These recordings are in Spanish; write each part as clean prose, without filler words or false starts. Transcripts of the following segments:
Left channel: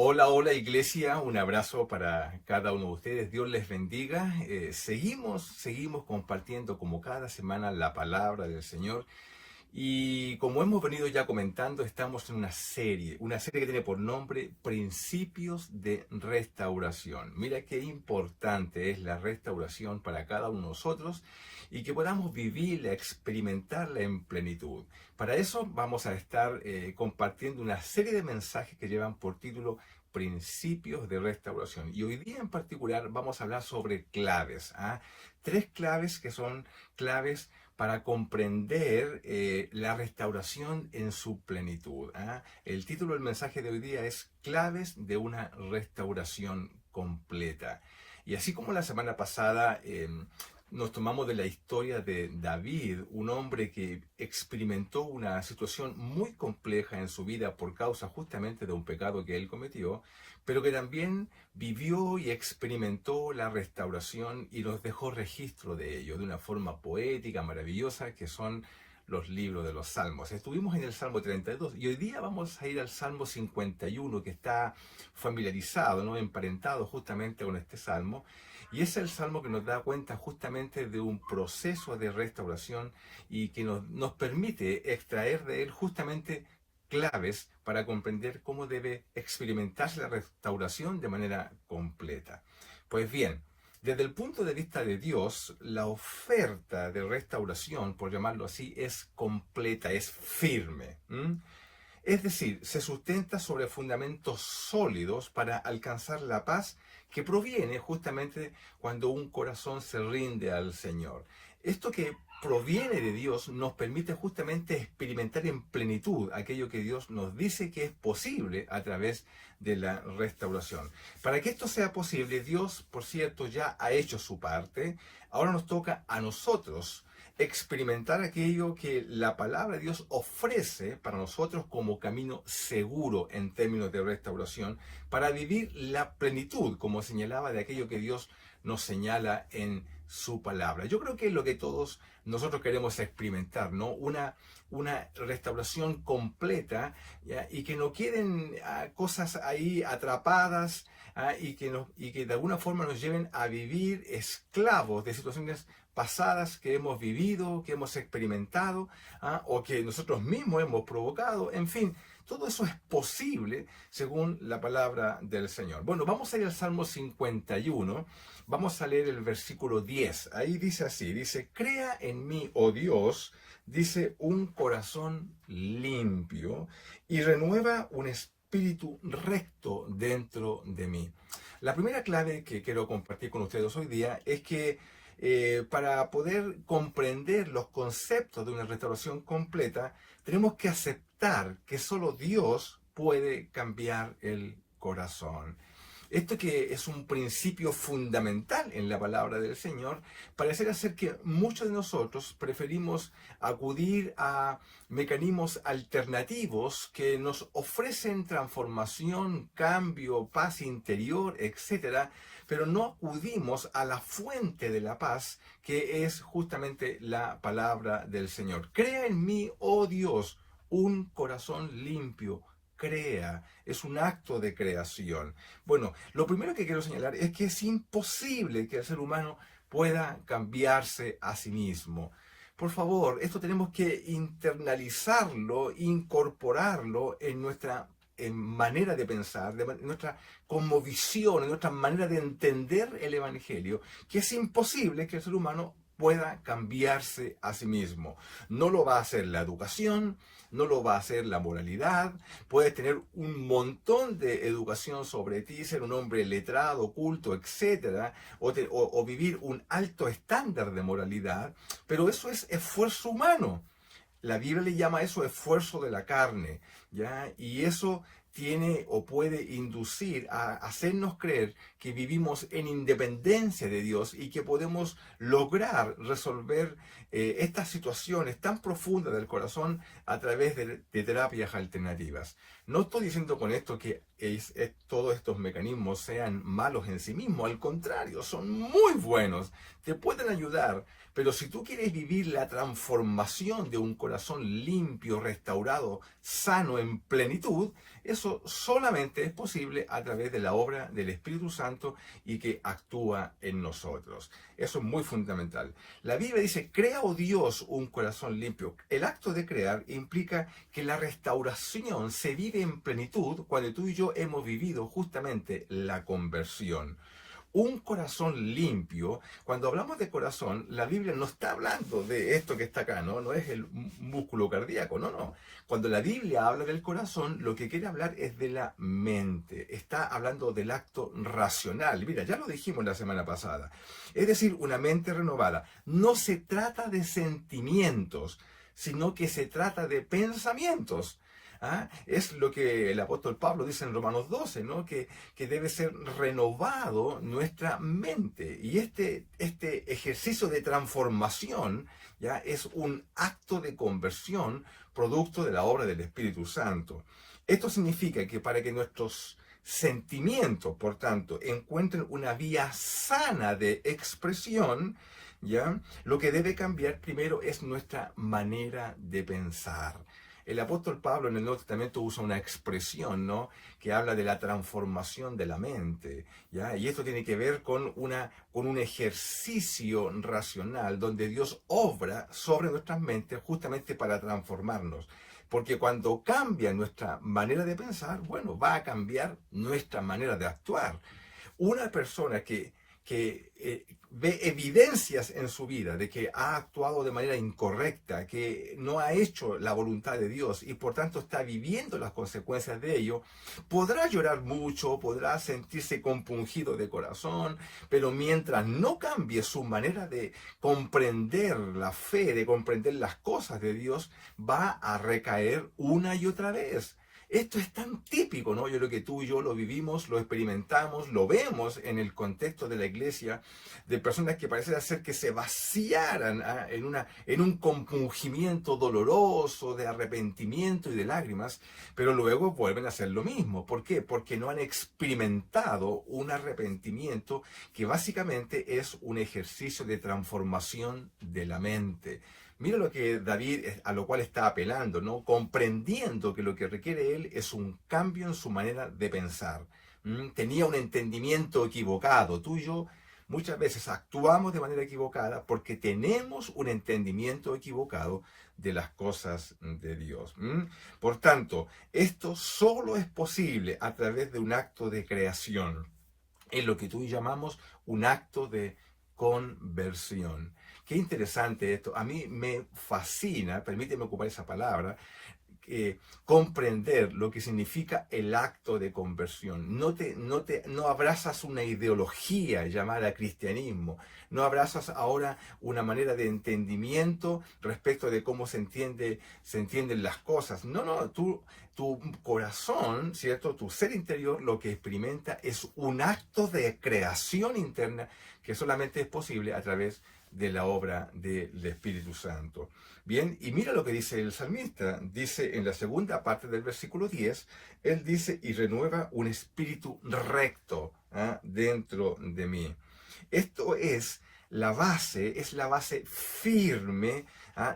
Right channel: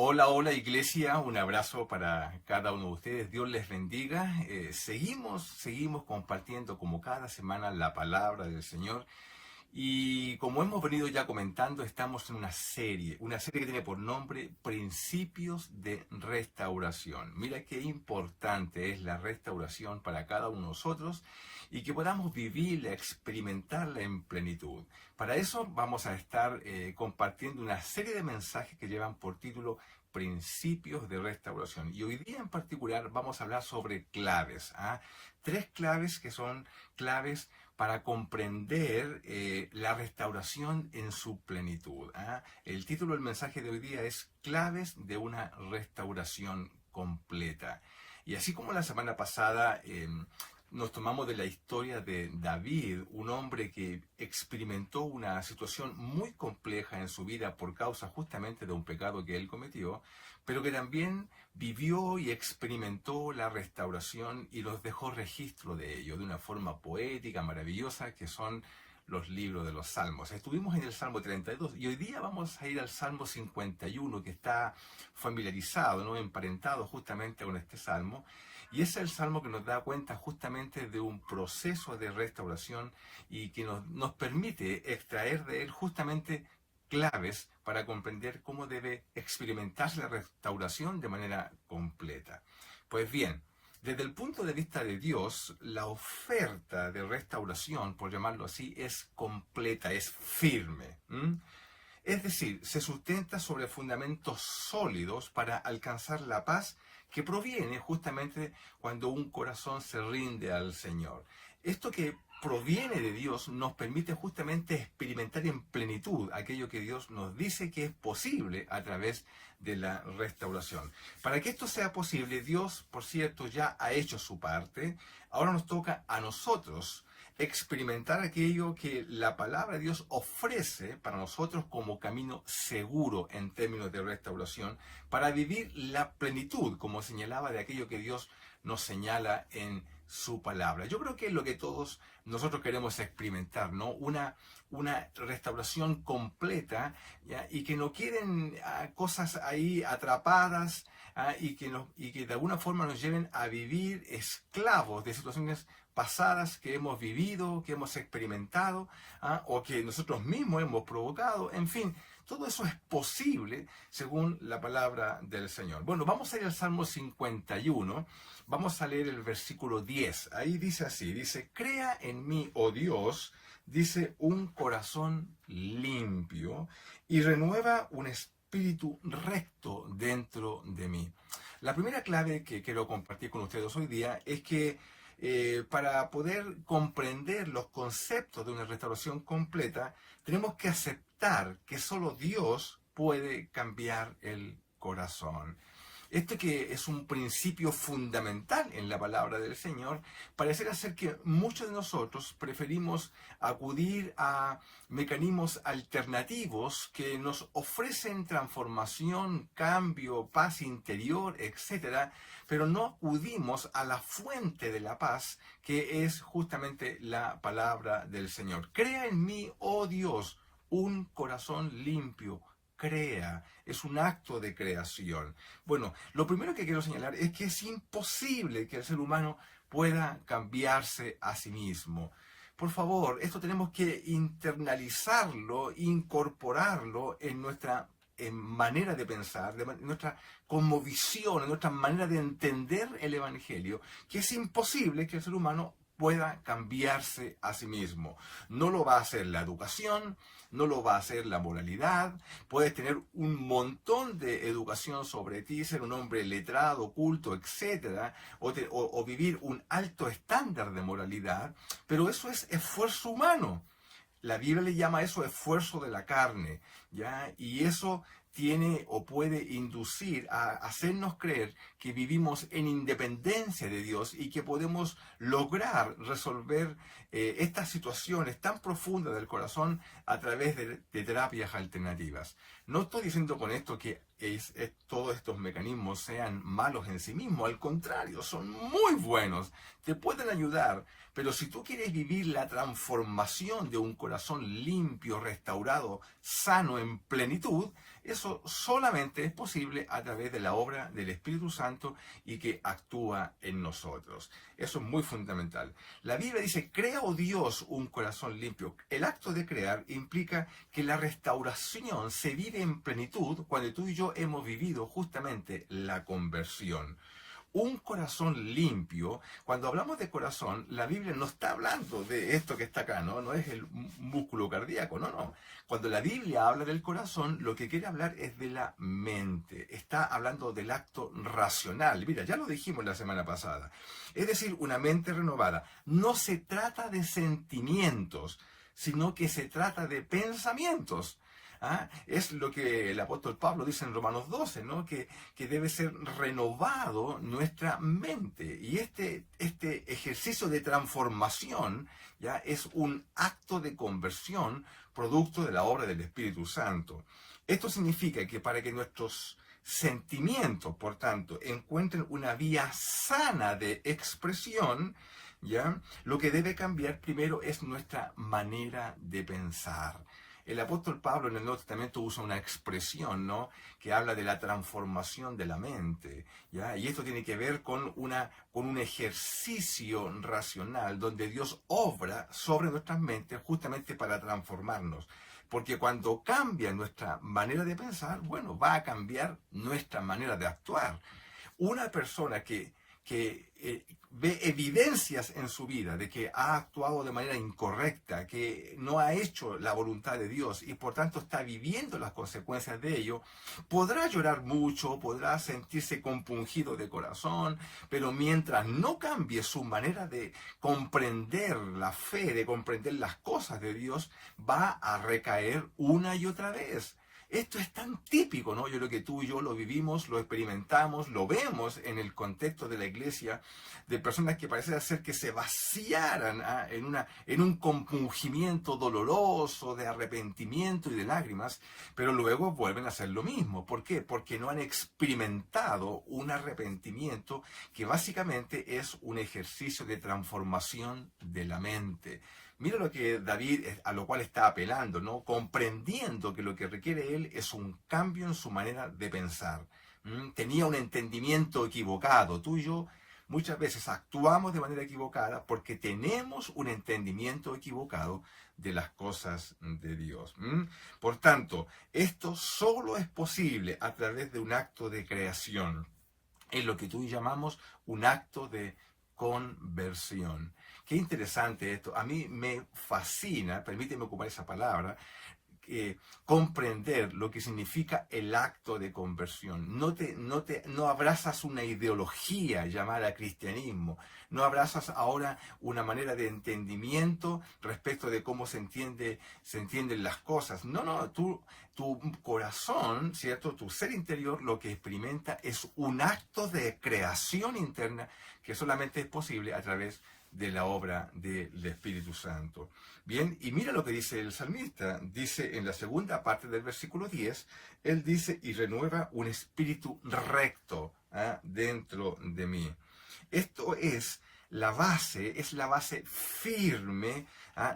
Hola, hola iglesia, un abrazo para cada uno de ustedes, Dios les bendiga. Seguimos compartiendo como cada semana la palabra del Señor y como hemos venido ya comentando, estamos en una serie que tiene por nombre Principios de Restauración. Mira qué importante es la restauración para cada uno de nosotros y que podamos vivirla, experimentarla en plenitud. Para eso vamos a estar compartiendo una serie de mensajes que llevan por título Principios de Restauración. Y hoy día en particular vamos a hablar sobre claves. Tres claves que son claves para comprender la restauración en su plenitud. El título del mensaje de hoy día es Claves de una restauración completa. Y así como la semana pasada nos tomamos de la historia de David, un hombre que experimentó una situación muy compleja en su vida por causa justamente de un pecado que él cometió, pero que también vivió y experimentó la restauración y nos dejó registro de ello de una forma poética, maravillosa, que son los libros de los Salmos. Estuvimos en el Salmo 32 y hoy día vamos a ir al Salmo 51, que está familiarizado, ¿no? Emparentado justamente con este Salmo. Y es el Salmo que nos da cuenta justamente de un proceso de restauración y que nos permite extraer de él justamente claves para comprender cómo debe experimentarse la restauración de manera completa. Pues bien, desde el punto de vista de Dios, la oferta de restauración, por llamarlo así, es completa, es firme. Es decir, se sustenta sobre fundamentos sólidos para alcanzar la paz que proviene justamente cuando un corazón se rinde al Señor. Esto que proviene de Dios nos permite justamente experimentar en plenitud aquello que Dios nos dice que es posible a través de la restauración. Para que esto sea posible, Dios, por cierto, ya ha hecho su parte. Ahora nos toca a nosotros experimentar aquello que la palabra de Dios ofrece para nosotros como camino seguro en términos de restauración, para vivir la plenitud, como señalaba, de aquello que Dios nos señala en su palabra. Yo creo que es lo que todos nosotros queremos experimentar, ¿no? Una restauración completa, ¿ya? Y que no queden cosas ahí atrapadas, y que de alguna forma nos lleven a vivir esclavos de situaciones pasadas que hemos vivido, que hemos experimentado, o que nosotros mismos hemos provocado. En fin, todo eso es posible según la palabra del Señor. Bueno, vamos a ir al Salmo 51, vamos a leer el versículo 10. Ahí dice así, dice, crea en mí, oh Dios, dice, un corazón limpio y renueva un espíritu recto dentro de mí. La primera clave que quiero compartir con ustedes hoy día es que para poder comprender los conceptos de una restauración completa, tenemos que aceptar que solo Dios puede cambiar el corazón. Esto que es un principio fundamental en la palabra del Señor, parece ser que muchos de nosotros preferimos acudir a mecanismos alternativos que nos ofrecen transformación, cambio, paz interior, etcétera, pero no acudimos a la fuente de la paz, que es justamente la palabra del Señor. Crea en mí, oh Dios, un corazón limpio. Crea, es un acto de creación. Bueno, lo primero que quiero señalar es que es imposible que el ser humano pueda cambiarse a sí mismo. Por favor, esto tenemos que internalizarlo, incorporarlo en nuestra manera de pensar, en nuestra cosmovisión, en nuestra manera de entender el Evangelio, que es imposible que el ser humano pueda cambiarse a sí mismo. No lo va a hacer la educación, no lo va a hacer la moralidad. Puedes tener un montón de educación sobre ti, ser un hombre letrado, culto, etcétera, o vivir un alto estándar de moralidad, pero eso es esfuerzo humano. La Biblia le llama eso esfuerzo de la carne, ¿ya? Y eso tiene o puede inducir a hacernos creer que vivimos en independencia de Dios y que podemos lograr resolver estas situaciones tan profundas del corazón a través de terapias alternativas. No estoy diciendo con esto que todos estos mecanismos sean malos en sí mismos, al contrario, son muy buenos, te pueden ayudar, pero si tú quieres vivir la transformación de un corazón limpio, restaurado, sano, en plenitud, eso solamente es posible a través de la obra del Espíritu Santo y que actúa en nosotros. Eso es muy fundamental. La Biblia dice, crea, oh Dios, un corazón limpio. El acto de crear implica que la restauración se vive en plenitud cuando tú y yo hemos vivido justamente la conversión. Un corazón limpio, cuando hablamos de corazón, la Biblia no está hablando de esto que está acá, ¿no? No es el músculo cardíaco, no, no. Cuando la Biblia habla del corazón, lo que quiere hablar es de la mente. Está hablando del acto racional. Mira, ya lo dijimos la semana pasada. Es decir, una mente renovada. No se trata de sentimientos, sino que se trata de pensamientos. ¿Ah? Es lo que el apóstol Pablo dice en Romanos 12, ¿no? Que debe ser renovado nuestra mente. Y este ejercicio de transformación ya es un acto de conversión producto de la obra del Espíritu Santo. Esto significa que para que nuestros sentimientos, por tanto, encuentren una vía sana de expresión, ¿ya? Lo que debe cambiar primero es nuestra manera de pensar. El apóstol Pablo en el Nuevo Testamento usa una expresión, ¿no? Que habla de la transformación de la mente, ¿ya? Y esto tiene que ver con un ejercicio racional donde Dios obra sobre nuestras mentes justamente para transformarnos. Porque cuando cambia nuestra manera de pensar, bueno, va a cambiar nuestra manera de actuar. Una persona que ve evidencias en su vida de que ha actuado de manera incorrecta, que no ha hecho la voluntad de Dios y por tanto está viviendo las consecuencias de ello, podrá llorar mucho, podrá sentirse compungido de corazón, pero mientras no cambie su manera de comprender la fe, de comprender las cosas de Dios, va a recaer una y otra vez. Esto es tan típico, ¿no? Yo creo que tú y yo lo vivimos, lo experimentamos, lo vemos en el contexto de la iglesia, de personas que parece ser que se vaciaran en un compungimiento doloroso, de arrepentimiento y de lágrimas, pero luego vuelven a hacer lo mismo. ¿Por qué? Porque no han experimentado un arrepentimiento que básicamente es un ejercicio de transformación de la mente. Mira lo que David, a lo cual está apelando, ¿no? Comprendiendo que lo que requiere él es un cambio en su manera de pensar. Tenía un entendimiento equivocado. Tú y yo muchas veces actuamos de manera equivocada porque tenemos un entendimiento equivocado de las cosas de Dios. Por tanto, esto solo es posible a través de un acto de creación. Es lo que tú y yo llamamos un acto de conversión. Qué interesante esto. A mí me fascina, permíteme ocupar esa palabra, comprender lo que significa el acto de conversión. No abrazas una ideología llamada cristianismo. No abrazas ahora una manera de entendimiento respecto de cómo se entienden las cosas. No, no, tu corazón, ¿cierto? Tu ser interior lo que experimenta es un acto de creación interna que solamente es posible a través de la obra del Espíritu Santo. Bien, y mira lo que dice el salmista. Dice en la segunda parte del versículo 10, él dice, y renueva un espíritu recto dentro de mí. Esto es la base firme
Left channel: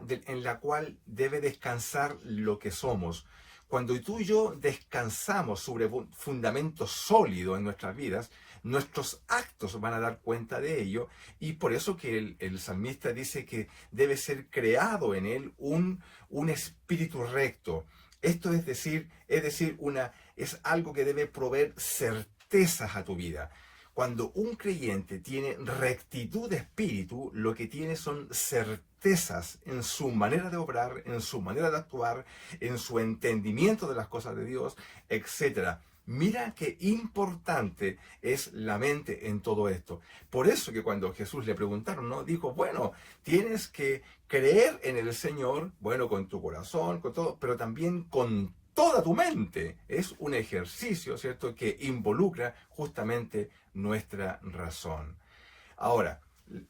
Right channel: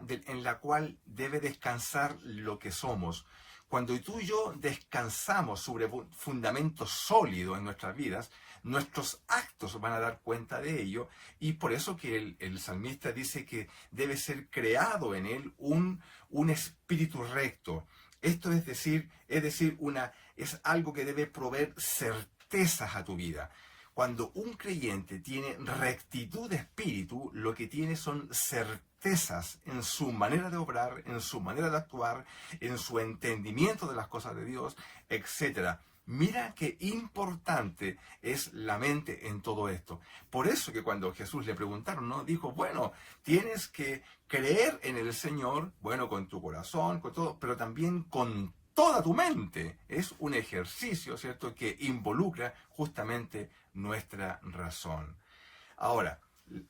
en la cual debe descansar lo que somos. Cuando tú y yo descansamos sobre un fundamento sólido en nuestras vidas, nuestros actos van a dar cuenta de ello, y por eso que el salmista dice que debe ser creado en él un espíritu recto. Esto es decir, es algo que debe proveer certezas a tu vida. Cuando un creyente tiene rectitud de espíritu, lo que tiene son certezas en su manera de obrar, en su manera de actuar, en su entendimiento de las cosas de Dios, etc. Mira qué importante es la mente en todo esto. Por eso que cuando Jesús le preguntaron, ¿no? Dijo, bueno, tienes que creer en el Señor, bueno, con tu corazón, con todo, pero también con toda tu mente. Es un ejercicio, ¿cierto?, que involucra justamente nuestra razón. Ahora,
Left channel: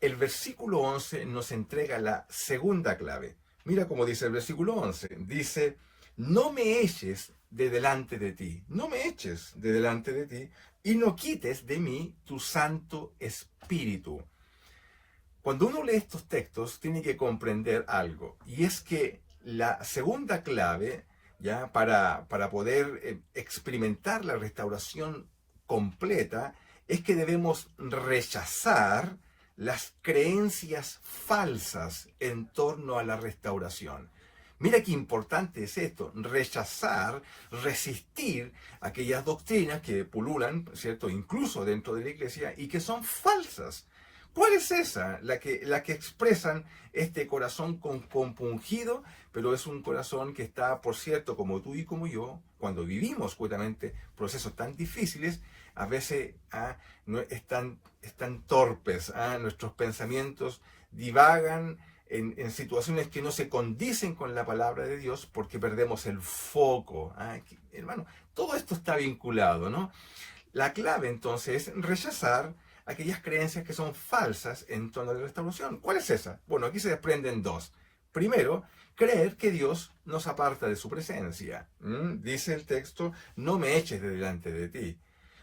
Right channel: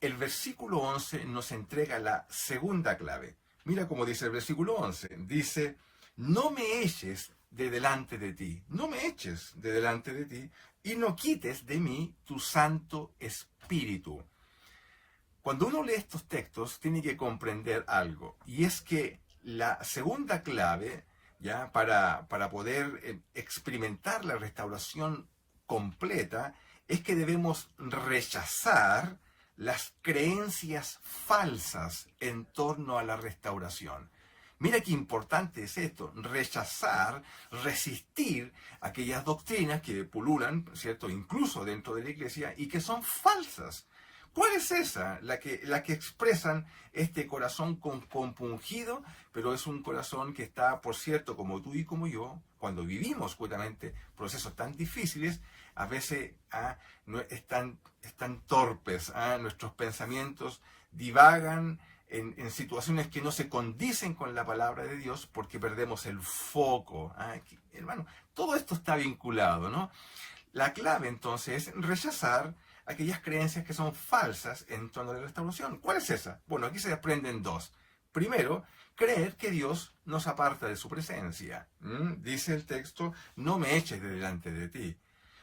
el versículo 11 nos entrega la segunda clave. Mira cómo dice el versículo 11. Dice, no me eches de delante de ti. No me eches de delante de ti y no quites de mí tu Santo Espíritu. Cuando uno lee estos textos, tiene que comprender algo, y es que la segunda clave, ya, para poder experimentar la restauración completa, es que debemos rechazar las creencias falsas en torno a la restauración. Mira qué importante es esto, rechazar, resistir aquellas doctrinas que pululan, ¿cierto?, incluso dentro de la iglesia y que son falsas. ¿Cuál es esa? La que expresan este corazón compungido, pero es un corazón que está, por cierto, como tú y como yo, cuando vivimos justamente procesos tan difíciles, a veces no, están torpes, nuestros pensamientos divagan en situaciones que no se condicen con la palabra de Dios porque perdemos el foco. Hermano, todo esto está vinculado, ¿no? La clave entonces es rechazar aquellas creencias que son falsas en torno a la restauración. ¿Cuál es esa? Bueno, aquí se desprenden dos. Primero, creer que Dios nos aparta de su presencia. Dice el texto, no me eches de delante de ti.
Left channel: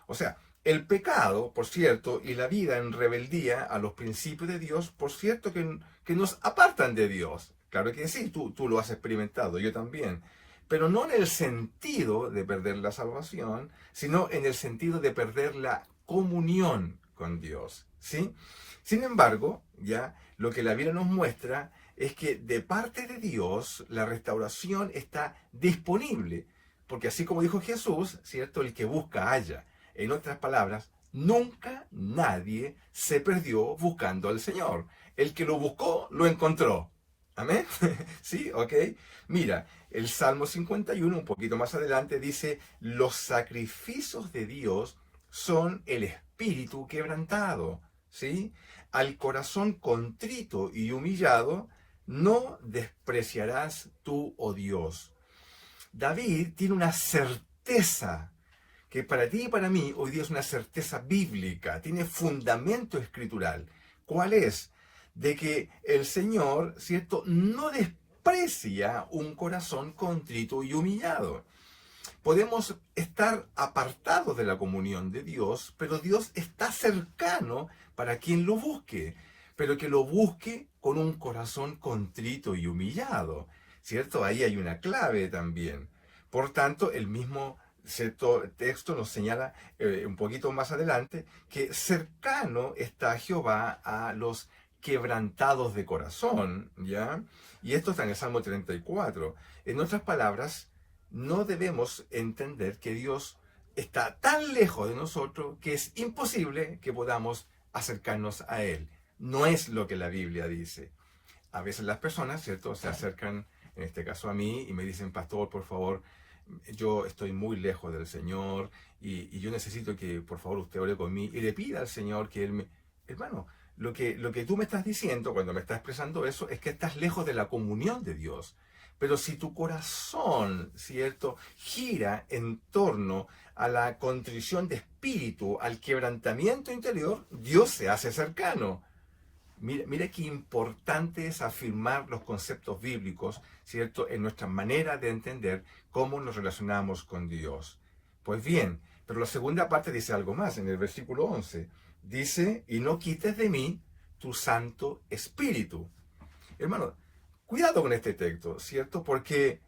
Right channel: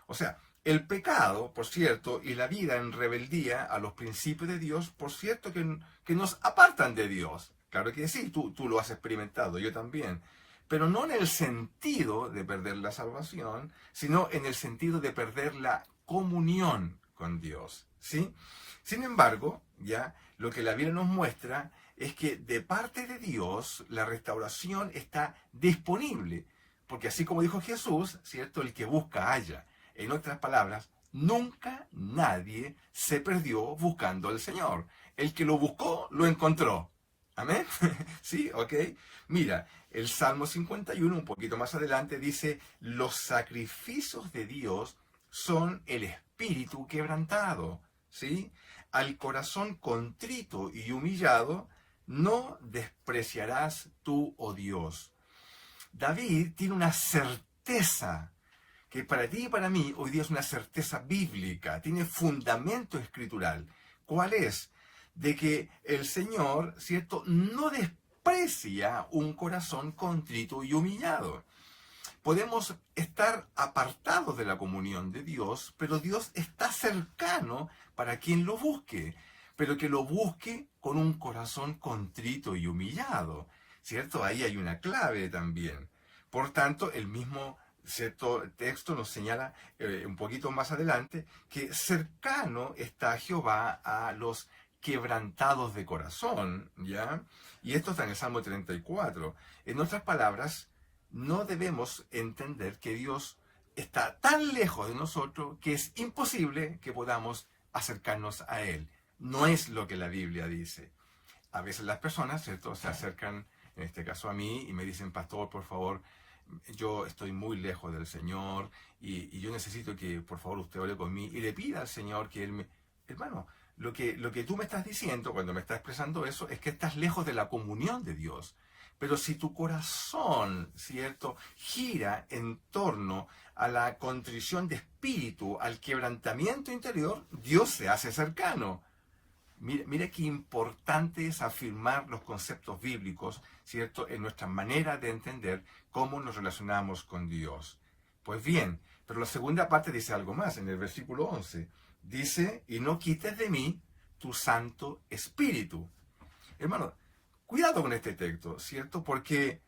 O sea, el pecado, por cierto, y la vida en rebeldía a los principios de Dios, por cierto, que nos apartan de Dios. Claro que sí, tú lo has experimentado, yo también. Pero no en el sentido de perder la salvación, sino en el sentido de perder la comunión con Dios, ¿sí? Sin embargo, ya lo que la Biblia nos muestra es que de parte de Dios la restauración está disponible, porque así como dijo Jesús, ¿cierto? El que busca halla. En otras palabras, nunca nadie se perdió buscando al Señor. El que lo buscó, lo encontró. ¿Amén? ¿Sí? ¿Ok? Mira, el Salmo 51, un poquito más adelante, dice, los sacrificios de Dios son el espíritu quebrantado, ¿sí? Al corazón contrito y humillado, no despreciarás tú, oh Dios. David tiene una certeza que para ti y para mí hoy día es una certeza bíblica, tiene fundamento escritural. ¿Cuál es? De que el Señor, ¿cierto?, no desprecia un corazón contrito y humillado. Podemos estar apartados de la comunión de Dios, pero Dios está cercano para quien lo busque, pero que lo busque con un corazón contrito y humillado, ¿cierto? Ahí hay una clave también. Por tanto, el mismo cierto texto nos señala un poquito más adelante que cercano está Jehová a los quebrantados de corazón, ¿ya? Y esto está en el Salmo 34. En otras palabras, no debemos entender que Dios está tan lejos de nosotros que es imposible que podamos acercarnos a Él. No es lo que la Biblia dice. A veces las personas, ¿cierto?, se acercan, en este caso a mí, y me dicen, pastor, por favor, yo estoy muy lejos del Señor y yo necesito que, por favor, usted ore conmigo y le pida al Señor que Él me... Hermano, lo que tú me estás diciendo cuando me estás expresando eso es que estás lejos de la comunión de Dios. Pero si tu corazón, ¿cierto?, gira en torno a la contrición de espíritu, al quebrantamiento interior, Dios se hace cercano. Mira qué importante es afirmar los conceptos bíblicos, ¿cierto?, en nuestra manera de entender cómo nos relacionamos con Dios. Pues bien, pero la segunda parte dice algo más, en el versículo 11. Dice, y no quites de mí tu Santo Espíritu. Hermano, cuidado con este texto, ¿cierto? Porque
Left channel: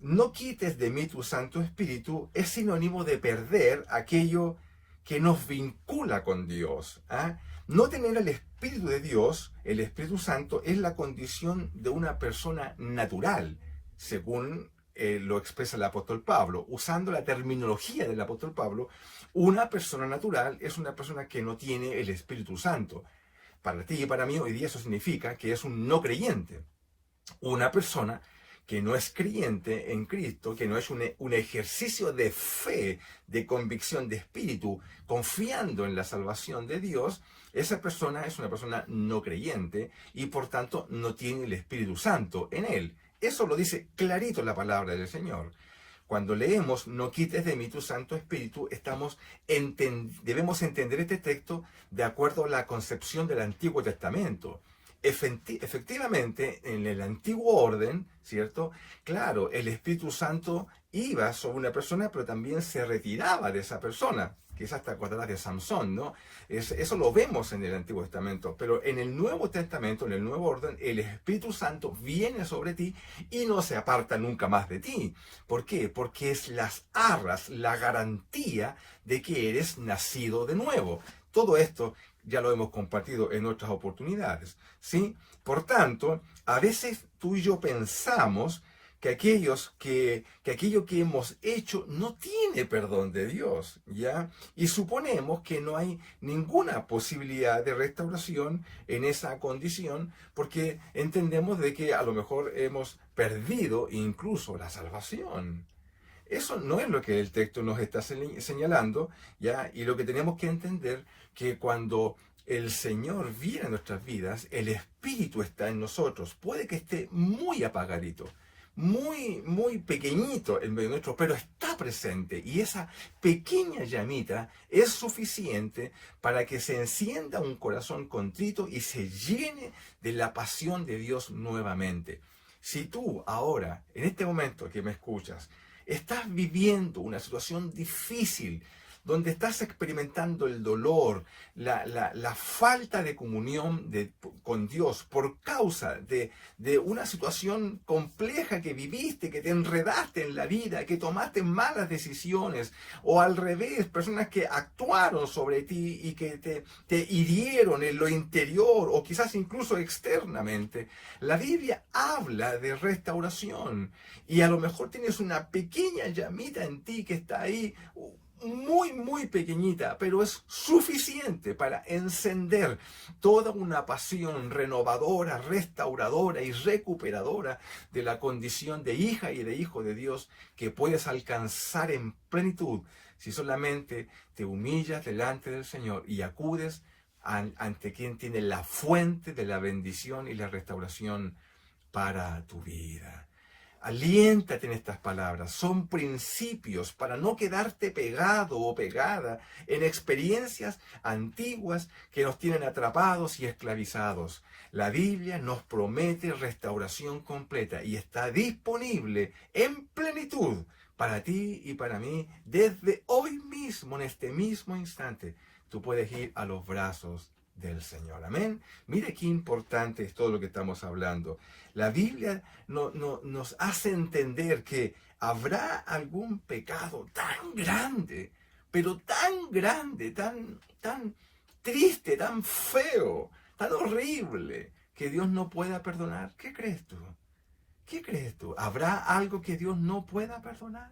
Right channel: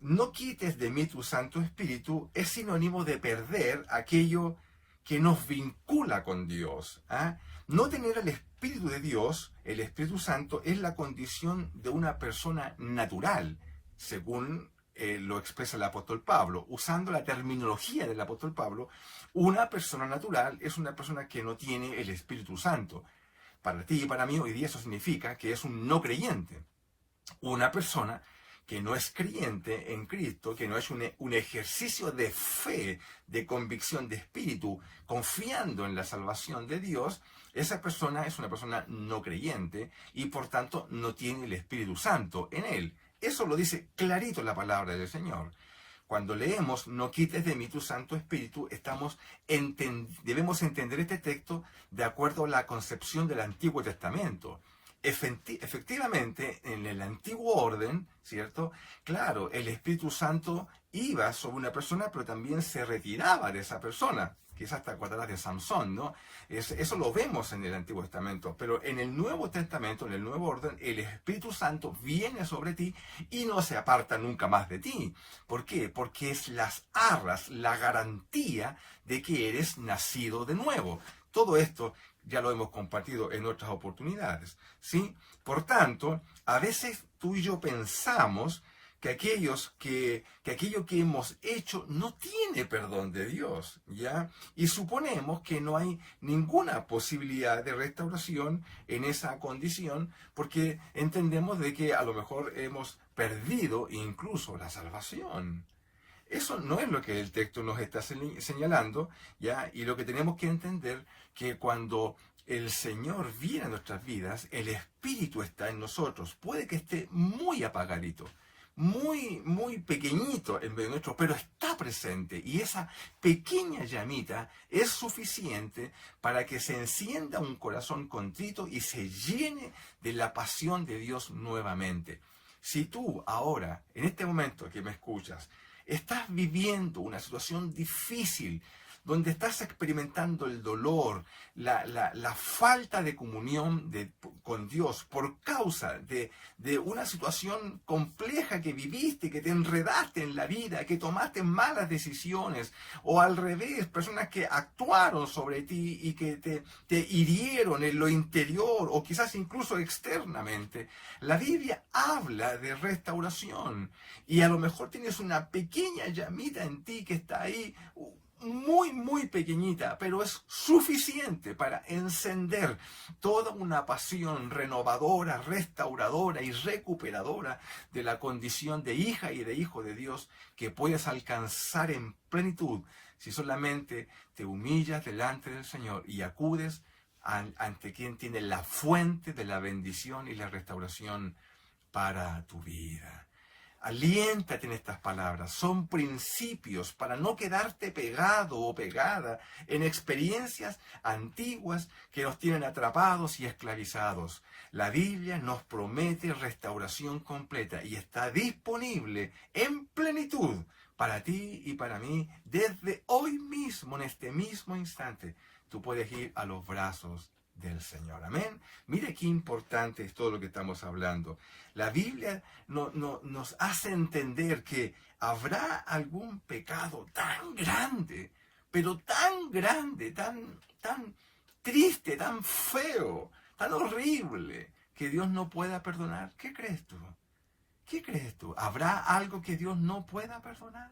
no quites de mí tu Santo Espíritu es sinónimo de perder aquello que nos vincula con Dios. No tener el Espíritu de Dios, el Espíritu Santo, es la condición de una persona natural, según lo expresa el apóstol Pablo. Usando la terminología del apóstol Pablo, una persona natural es una persona que no tiene el Espíritu Santo. Para ti y para mí hoy día eso significa que es un no creyente. Una persona que no es creyente en Cristo, que no es un ejercicio de fe, de convicción de espíritu, confiando en la salvación de Dios, esa persona es una persona no creyente y por tanto no tiene el Espíritu Santo en él. Eso lo dice clarito la palabra del Señor. Cuando leemos, no quites de mí tu Santo Espíritu, debemos entender este texto de acuerdo a la concepción del Antiguo Testamento. Efectivamente, en el antiguo orden, ¿cierto? Claro, el Espíritu Santo iba sobre una persona, pero también se retiraba de esa persona. Quizás te acordarás de Samson, ¿no? Eso lo vemos en el Antiguo Testamento, pero en el Nuevo Testamento, en el Nuevo Orden, el Espíritu Santo viene sobre ti y no se aparta nunca más de ti. ¿Por qué? Porque es las arras, la garantía de que eres nacido de nuevo. Todo esto ya lo hemos compartido en otras oportunidades, ¿sí? Por tanto, a veces tú y yo pensamos que aquello que hemos hecho no tiene perdón de Dios, ¿ya? Y suponemos que no hay ninguna posibilidad de restauración en esa condición porque entendemos de que a lo mejor hemos perdido incluso la salvación. Eso no es lo que el texto nos está señalando, ¿ya? Y lo que tenemos que entender que cuando el Señor viene a nuestras vidas, el Espíritu está en nosotros. Puede que esté muy apagadito, muy pequeñito en medio nuestro, pero está presente. Y esa pequeña llamita es suficiente para que se encienda un corazón contrito y se llene de la pasión de Dios nuevamente. Si tú ahora, en este momento que me escuchas, estás viviendo una situación difícil, donde estás experimentando el dolor, la falta de comunión con Dios por causa de una situación compleja que viviste, que te enredaste en la vida, que tomaste malas decisiones, o al revés, personas que actuaron sobre ti y que te hirieron en lo interior o quizás incluso externamente. La Biblia habla de restauración y a lo mejor tienes una pequeña llamita en ti que está ahí, muy pequeñita, pero es suficiente para encender toda una pasión renovadora, restauradora y recuperadora de la condición de hija y de hijo de Dios que puedes alcanzar en plenitud si solamente te humillas delante del Señor y acudes ante quien tiene la fuente de la bendición y la restauración para tu vida. Aliéntate en estas palabras, son principios para no quedarte pegado o pegada en experiencias antiguas que nos tienen atrapados y esclavizados. La Biblia nos promete restauración completa y está disponible en plenitud para ti y para mí desde hoy mismo, en este mismo instante. Tú puedes ir a los brazos del Señor. Amén. Mire qué importante es todo lo que estamos hablando. La Biblia nos hace entender que habrá algún pecado tan grande, pero tan grande, tan triste, tan feo, tan horrible, que Dios no pueda perdonar. ¿Qué crees tú? ¿Qué crees tú? ¿Habrá algo que Dios no pueda perdonar?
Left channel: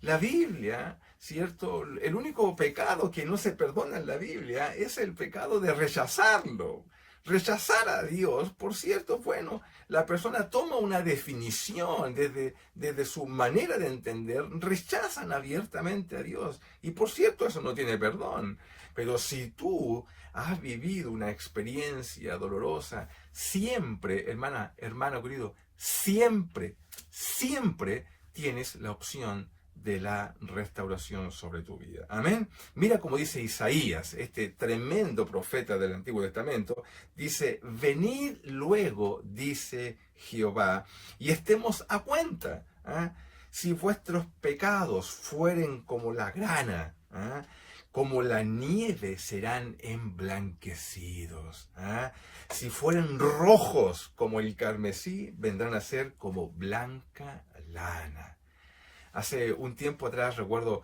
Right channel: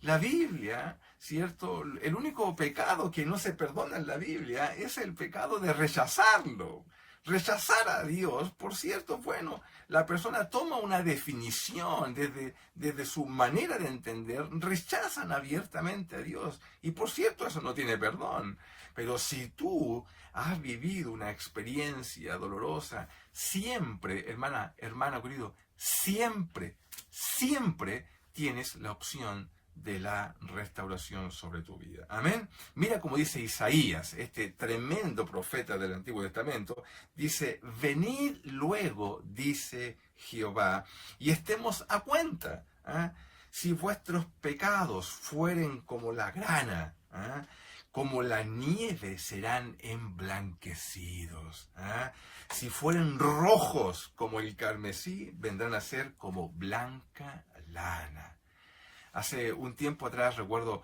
La Biblia, ¿cierto? El único pecado que no se perdona en la Biblia es el pecado de rechazarlo. Rechazar a Dios, por cierto, bueno, la persona toma una definición desde su manera de entender, rechazan abiertamente a Dios. Y por cierto, eso no tiene perdón. Pero si tú has vivido una experiencia dolorosa, siempre, hermano querido, siempre tienes la opción de la restauración sobre tu vida. Amén. Mira como dice Isaías, este tremendo profeta del Antiguo Testamento, dice, venid luego, dice Jehová, y estemos a cuenta. ¿Ah? Si vuestros pecados fueren como la grana, ¿ah? Como la nieve serán emblanquecidos. ¿Ah? Si fueren rojos como el carmesí, vendrán a ser como blanca lana. Hace un tiempo atrás recuerdo,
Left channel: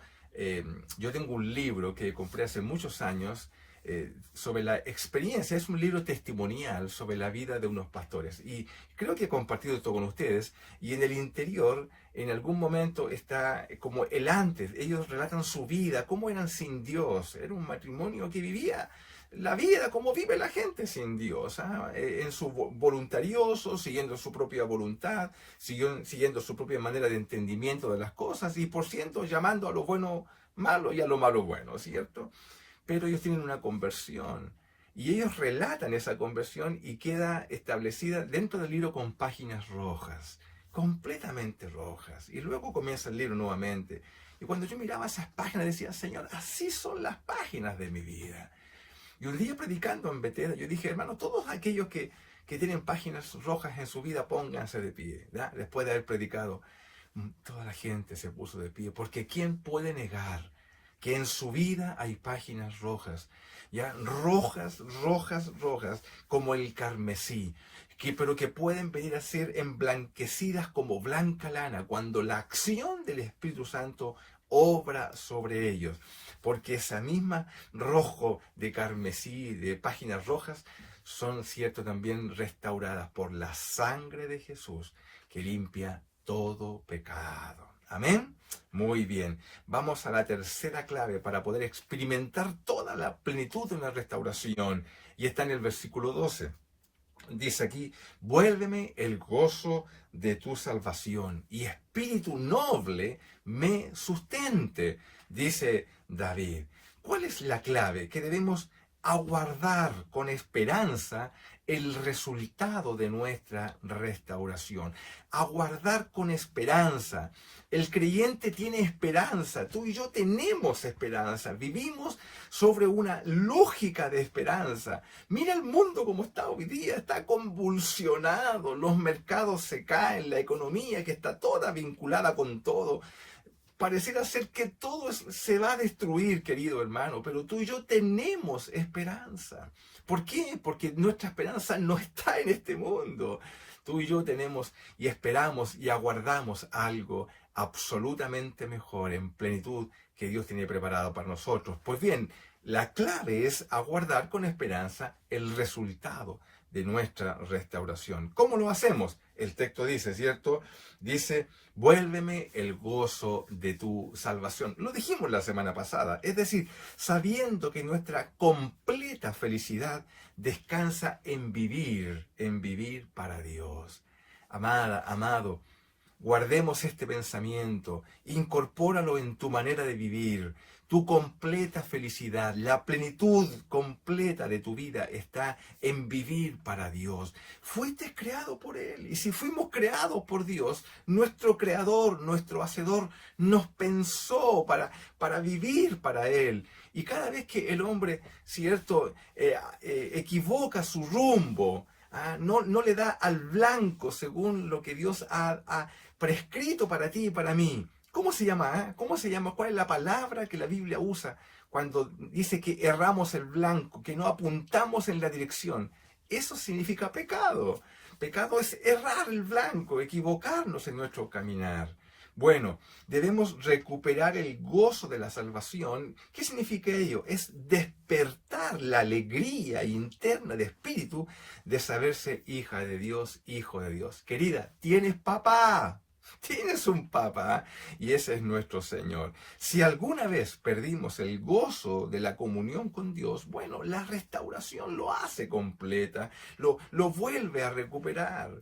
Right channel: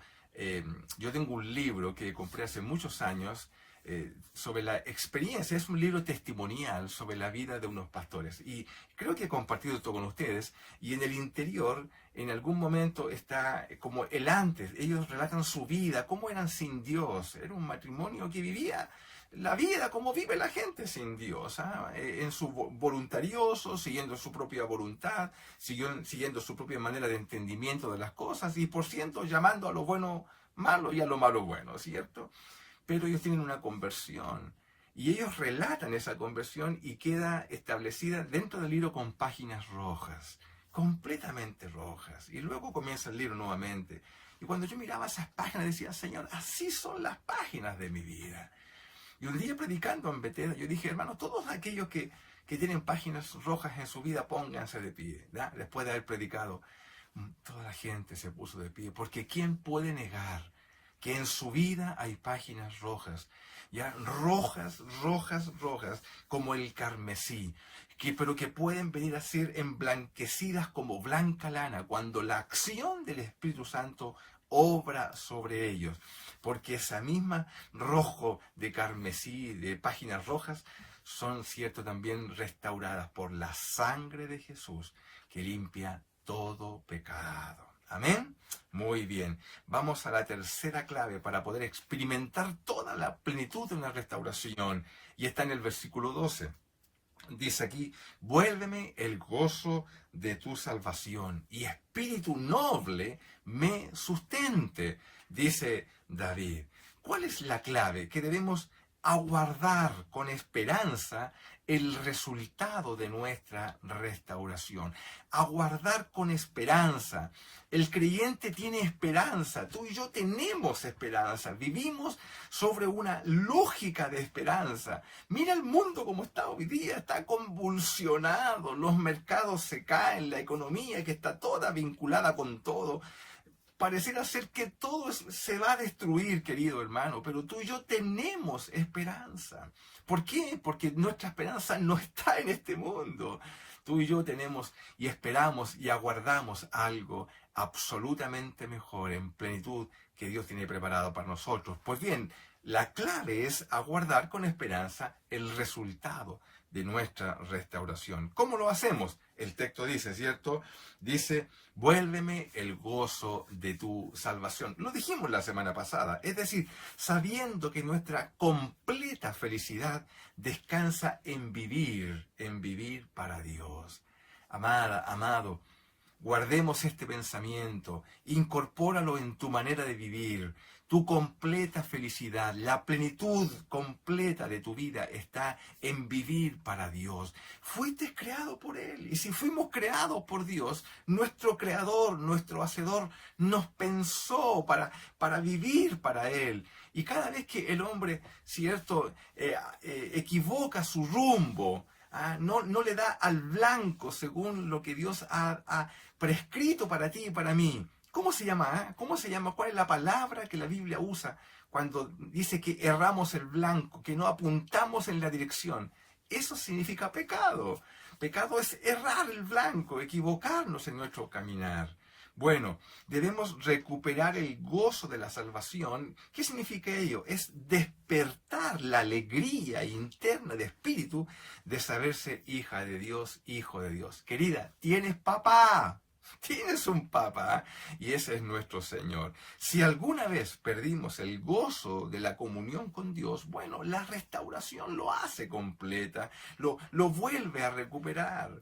yo tengo un libro que compré hace muchos años sobre la experiencia, es un libro testimonial sobre la vida de unos pastores. Y creo que he compartido esto con ustedes. Y en el interior, en algún momento está como el antes. Ellos relatan su vida, cómo eran sin Dios. Era un matrimonio que vivía la vida como vive la gente sin Dios, ¿ah? En su voluntarioso, siguiendo su propia voluntad, siguiendo su propia manera de entendimiento de las cosas y por cierto llamando a lo bueno malo y a lo malo bueno, ¿cierto? Pero ellos tienen una conversión y ellos relatan esa conversión y queda establecida dentro del libro con páginas rojas, completamente rojas. Y luego comienza el libro nuevamente. Y cuando yo miraba esas páginas decía, Señor, así son las páginas de mi vida. Y un día predicando en Bethesda, yo dije, hermano, todos aquellos que tienen páginas rojas en su vida, pónganse de pie, ¿ya? Después de haber predicado. Toda la gente se puso de pie, porque ¿quién puede negar que en su vida hay páginas rojas, ya rojas, rojas, rojas, como el carmesí, pero que pueden venir a ser emblanquecidas como blanca lana cuando la acción del Espíritu Santo obra sobre ellos? Porque esa misma rojo de carmesí, de páginas rojas, son, cierto, también restauradas por la sangre de Jesús, que limpia todo pecado. Amén. Muy bien. Vamos a la tercera clave para poder experimentar toda la plenitud de una restauración. Y está en el versículo 12. Dice aquí: vuélveme el gozo de tu salvación y espíritu noble me sustente, dice David. ¿Cuál es la clave? Que debemos aguardar con esperanza el resultado de nuestra restauración. Aguardar con esperanza. El creyente tiene esperanza. Tú y yo tenemos esperanza. Vivimos sobre una lógica de esperanza. Mira el mundo como está hoy día. Está convulsionado. Los mercados se caen. La economía, que está toda vinculada con todo, pareciera ser que todo se va a destruir, querido hermano, pero tú y yo tenemos esperanza. ¿Por qué? Porque nuestra esperanza no está en este mundo. Tú y yo tenemos y esperamos y aguardamos algo absolutamente mejor, en plenitud, que Dios tiene preparado para nosotros. Pues bien, la clave es aguardar con esperanza el resultado de nuestra restauración. ¿Cómo lo hacemos? El texto dice, ¿cierto? Dice: vuélveme el gozo de tu salvación. Lo dijimos la semana pasada. Es decir, sabiendo que nuestra completa felicidad descansa en vivir para Dios. Amada, amado, guardemos este pensamiento, incorpóralo en tu manera de vivir. Tu completa felicidad, la plenitud completa de tu vida está en vivir para Dios. Fuiste creado por Él. Y si fuimos creados por Dios, nuestro Creador, nuestro Hacedor, nos pensó para vivir para Él. Y cada vez que el hombre, cierto, equivoca su rumbo, no le da al blanco según lo que Dios ha prescrito para ti y para mí. ¿Cómo se llama? ¿Cómo se llama? ¿Cuál es la palabra que la Biblia usa cuando dice que erramos el blanco, que no apuntamos en la dirección? Eso significa pecado. Pecado es errar el blanco, equivocarnos en nuestro caminar. Bueno, debemos recuperar el gozo de la salvación. ¿Qué significa ello? Es despertar la alegría interna de espíritu de saberse hija de Dios, hijo de Dios. Querida, tienes papá. Tienes un papá, y ese es nuestro Señor. Si alguna vez perdimos el gozo de la comunión con Dios, bueno, la restauración lo hace completa, lo vuelve a recuperar.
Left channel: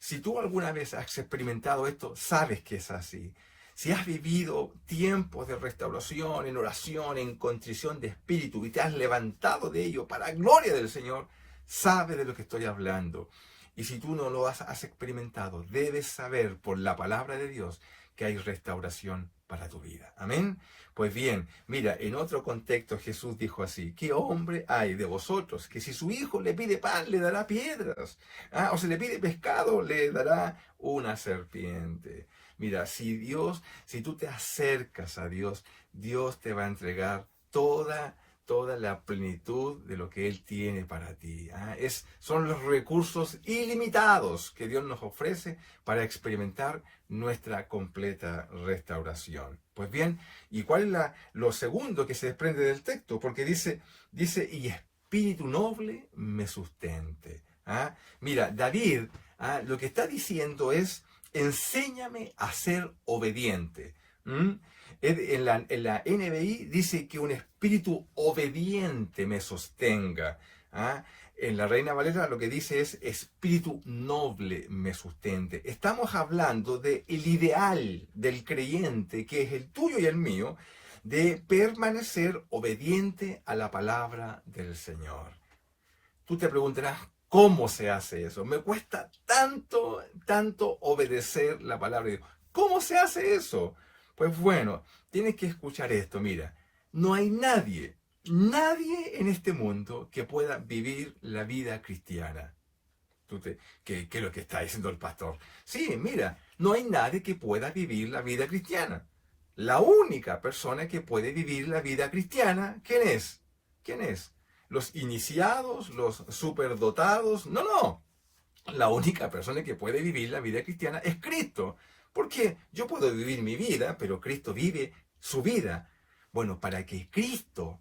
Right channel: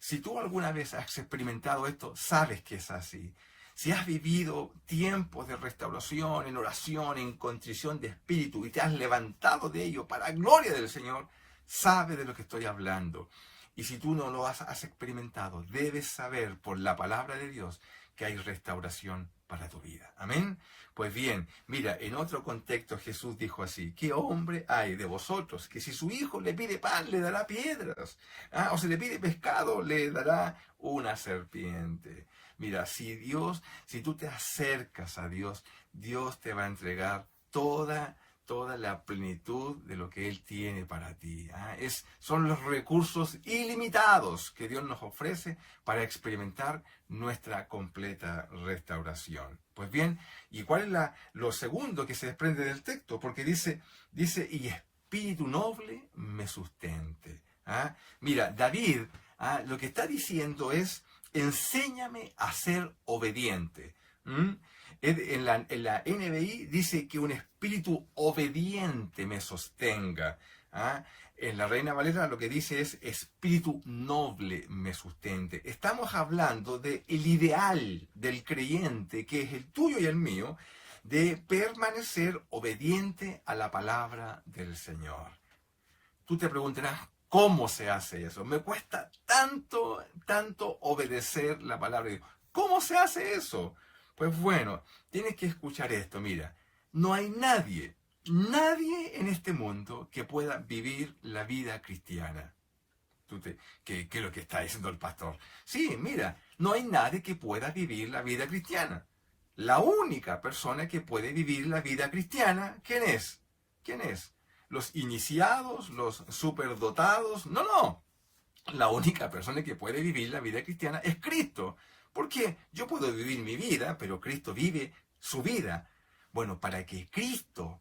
Si tú alguna vez has experimentado esto, sabes que es así. Si has vivido tiempos de restauración, en oración, en contrición de espíritu, y te has levantado de ello para gloria del Señor, sabes de lo que estoy hablando. Y si tú no lo has experimentado, debes saber por la palabra de Dios que hay restauración para tu vida. Amén. Pues bien, mira, en otro contexto Jesús dijo así: ¿qué hombre hay de vosotros que si su hijo le pide pan le dará piedras? O si le pide pescado le dará una serpiente. Mira, si tú te acercas a Dios, Dios te va a entregar toda la plenitud de lo que Él tiene para ti. Son los recursos ilimitados que Dios nos ofrece para experimentar nuestra completa restauración. Pues bien, ¿y cuál es lo segundo que se desprende del texto? Porque dice, y espíritu noble me sustente. Mira, David lo que está diciendo es: enséñame a ser obediente. En la NBI dice que un espíritu obediente me sostenga. En la Reina Valera lo que dice es: espíritu noble me sustente. Estamos hablando del ideal del creyente, que es el tuyo y el mío, de permanecer obediente a la palabra del Señor. Tú te preguntarás: ¿cómo se hace eso? Me cuesta tanto obedecer la palabra de Dios. ¿Cómo se hace eso? Pues bueno, tienes que escuchar esto. Mira, no hay nadie en este mundo que pueda vivir la vida cristiana. ¿Qué es lo que está diciendo el pastor? Sí, mira, no hay nadie que pueda vivir la vida cristiana. La única persona que puede vivir la vida cristiana, ¿quién es? ¿Quién es? ¿Los iniciados? ¿Los superdotados? No, no. La única persona que puede vivir la vida cristiana es Cristo. Porque yo puedo vivir mi vida, pero Cristo vive su vida. Bueno, para que Cristo,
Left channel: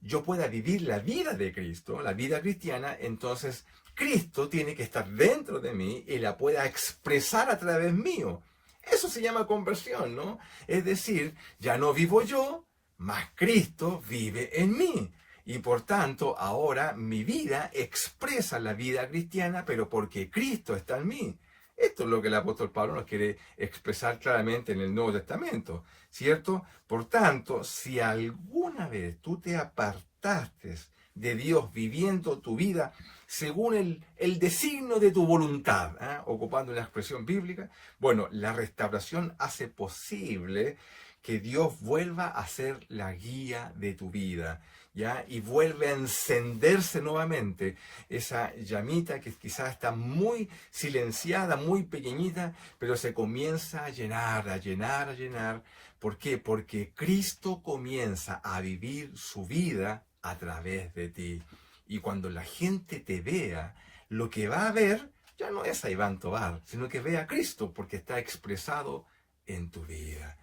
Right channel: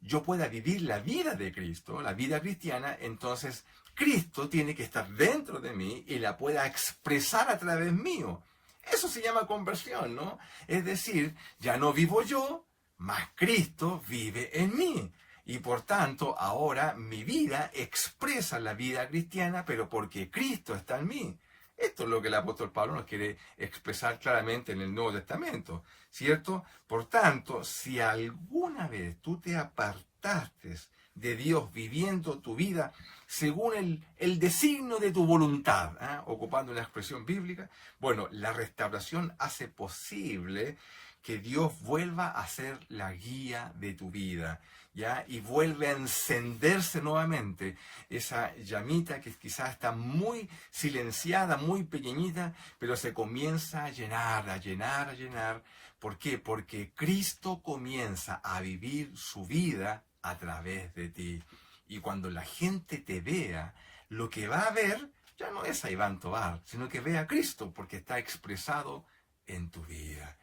yo pueda vivir la vida de Cristo, la vida cristiana, entonces Cristo tiene que estar dentro de mí y la pueda expresar a través mío. Eso se llama conversión, ¿no? Es decir, ya no vivo yo, mas Cristo vive en mí. Y por tanto, ahora mi vida expresa la vida cristiana, pero porque Cristo está en mí. Esto es lo que el apóstol Pablo nos quiere expresar claramente en el Nuevo Testamento, ¿cierto? Por tanto, si alguna vez tú te apartaste de Dios viviendo tu vida según el designio de tu voluntad, ocupando la expresión bíblica, bueno, la restauración hace posible que Dios vuelva a ser la guía de tu vida, ¿ya? Y vuelve a encenderse nuevamente esa llamita que quizás está muy silenciada, muy pequeñita, pero se comienza a llenar, a llenar, a llenar. ¿Por qué? Porque Cristo comienza a vivir su vida a través de ti. Y cuando la gente te vea, lo que va a ver ya no es a Iván Tobar, sino que ve a Cristo, porque está expresado en tu vida.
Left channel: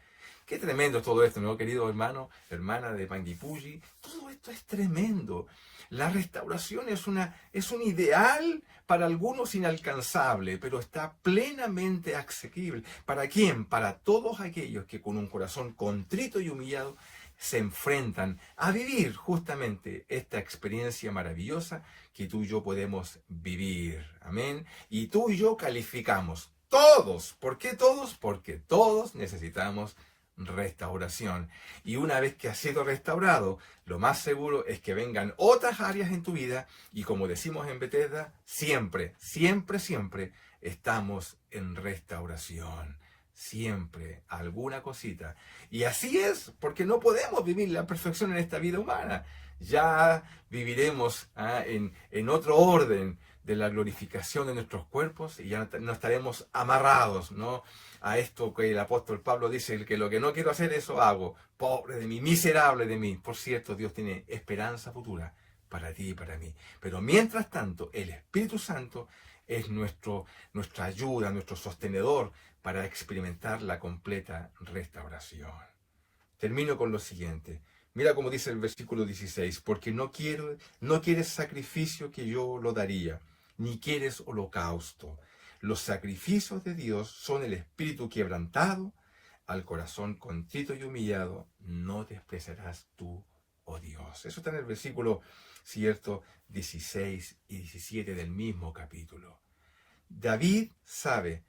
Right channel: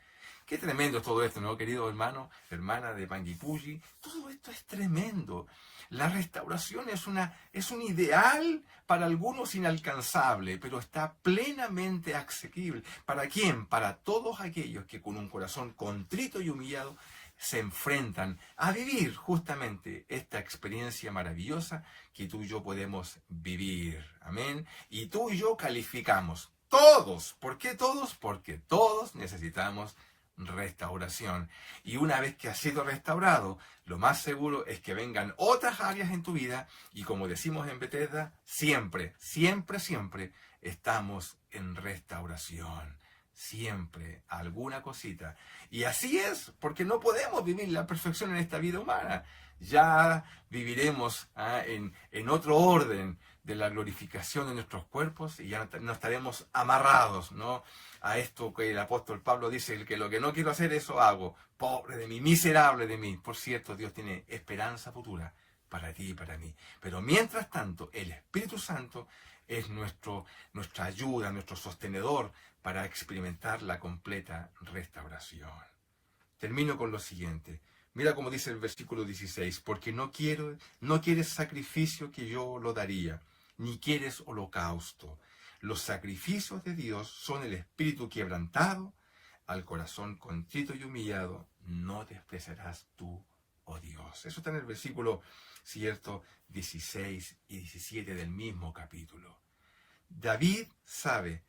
Qué tremendo todo esto, ¿no, querido hermano, hermana de Panguipulli? Todo esto es tremendo. La restauración es un ideal para algunos inalcanzable, pero está plenamente asequible. ¿Para quién? Para todos aquellos que con un corazón contrito y humillado se enfrentan a vivir justamente esta experiencia maravillosa que tú y yo podemos vivir. Amén. Y tú y yo calificamos. Todos. ¿Por qué todos? Porque todos necesitamos restauración. Y una vez que has sido restaurado, lo más seguro es que vengan otras áreas en tu vida y como decimos en Bethesda, siempre, siempre, siempre estamos en restauración. Siempre alguna cosita. Y así es, porque no podemos vivir la perfección en esta vida humana. Ya viviremos en otro orden de la glorificación de nuestros cuerpos y ya no estaremos amarrados, ¿no?, a esto que el apóstol Pablo dice, que lo que no quiero hacer, eso hago. Pobre de mí, miserable de mí. Por cierto, Dios tiene esperanza futura para ti y para mí. Pero mientras tanto, el Espíritu Santo es nuestra ayuda, nuestro sostenedor para experimentar la completa restauración. Termino con lo siguiente. Mira cómo dice el versículo 16, porque no quieres sacrificio que yo lo daría, ni quieres holocausto. Los sacrificios de Dios son el espíritu quebrantado, al corazón contrito y humillado, no despreciarás tú, oh Dios. Eso está en el versículo, cierto, 16 y 17 del mismo capítulo. David sabe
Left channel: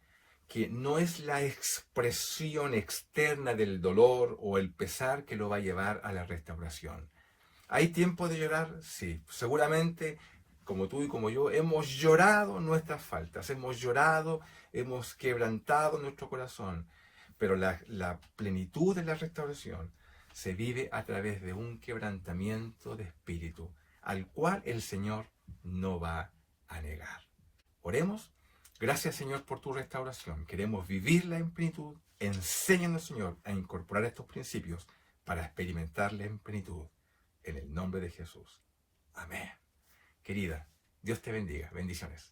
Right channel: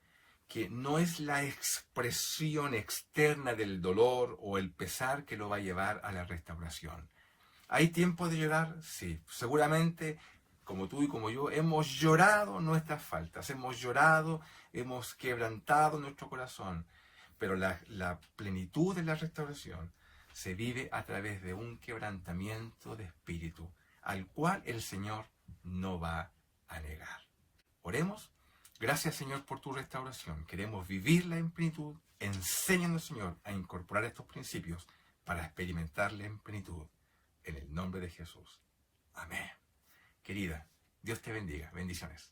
que no es la expresión externa del dolor o el pesar que lo va a llevar a la restauración. ¿Hay tiempo de llorar? Sí, seguramente como tú y como yo, hemos llorado nuestras faltas, hemos llorado, hemos quebrantado nuestro corazón, pero la plenitud de la restauración se vive a través de un quebrantamiento de espíritu, al cual el Señor no va a negar. Oremos. Gracias, Señor, por tu restauración. Queremos vivirla en plenitud. Enséñanos, Señor, a incorporar estos principios para experimentarla en plenitud. En el nombre de Jesús. Amén. Querida, Dios te bendiga. Bendiciones.